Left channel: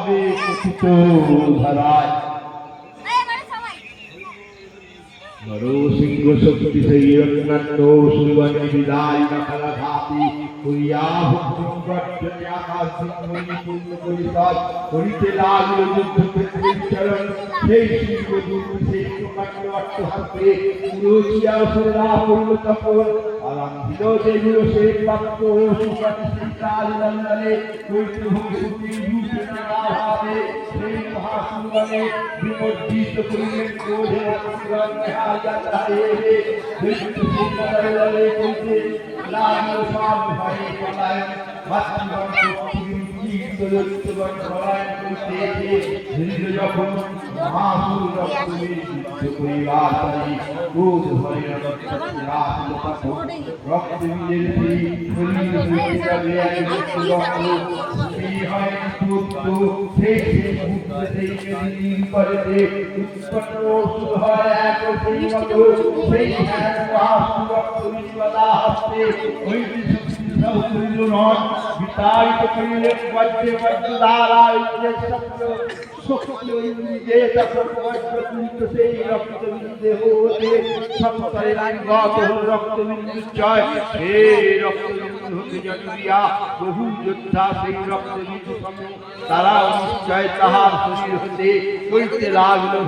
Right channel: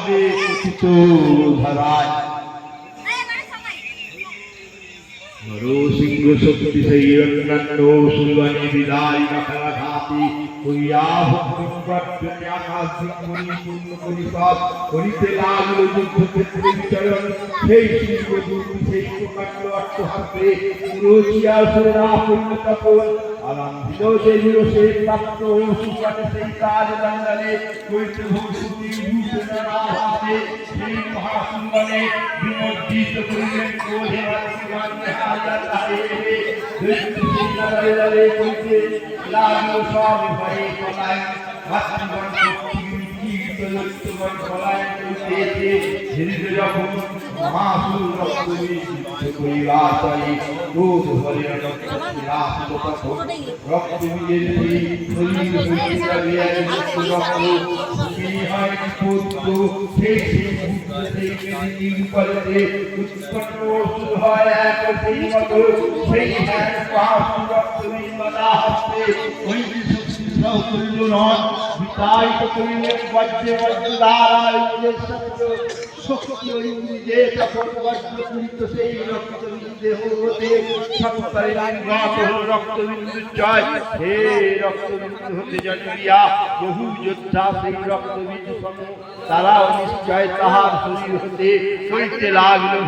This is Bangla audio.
ভাবে কথিত ধারায় নরসিংহ শক্তি সেই অন্যান্য সুগণে বিদায় মাথারা ঘাতি করিয়া ভক্তি আকাশ সিংহী পূর্ণ পরিষদ করিতে লাগল যুদ্ধক্ষেত্রে বিচরণ সেই শিবদূত সেই প্রকাণ্ড অট্টহাসে পুরোচিয়া সুরেরা পূর্ণ তপন আরম্ভিল যে দিবসে প্রাপ্ত সুপাতে সেই কাল মণ্ডলে কৈত্য ভক্তি রূপে নামে সেই মহাসুগণে বিমর্জিত করিলেন ক্রোধে অতিগ্রহণ হারিয়া তাহে দৈত্য সেই নগরে কইতে লাগল সব ভয়ে পলায়ন মাতৃগণ দৈত্যগণ পলায়ন করিতেছে ধীরে যখন মহাসুর রক্ত করিবার চাই ক্রোধ হরে রক্ত নিজের বিতাড়িত করিলেন বজ্রে বজ্রধারা শক্তি ইন্দ্রিয়ে রক্তবিন্দু সেই রক্তবিন্দু দেহ হতে সত্তরে গত রক্তবিন্দু জয় হে রক্তবিন্দু হতে জন্মিয়া বহু যোদ্ধা সেই রক্তবিন্দু তারা নিশ্চয় তাহার শরীর হতে কইতে লাগলো।